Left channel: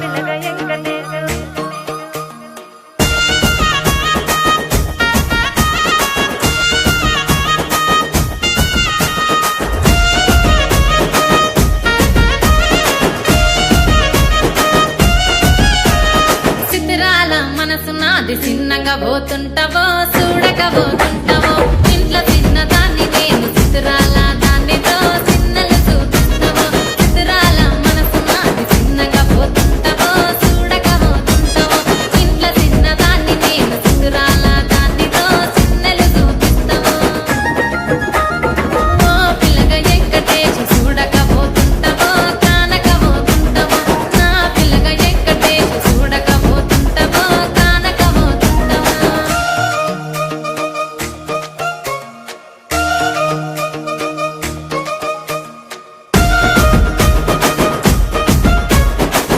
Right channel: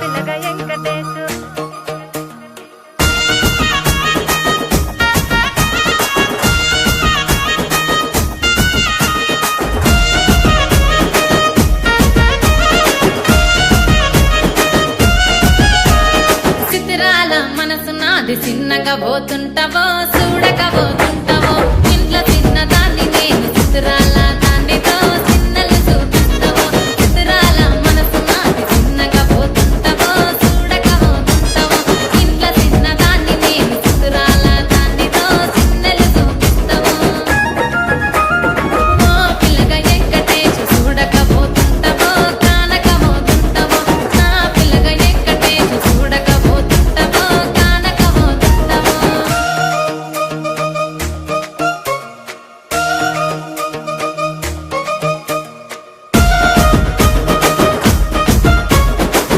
పిల్లగా వెంకటేశు చిత్రాల మనసు నాది చిన్నగా పోతుంటావో చూడక పోతుంటావో ఇంట్లో చిన్నదాన్ని నేను చిత్రాల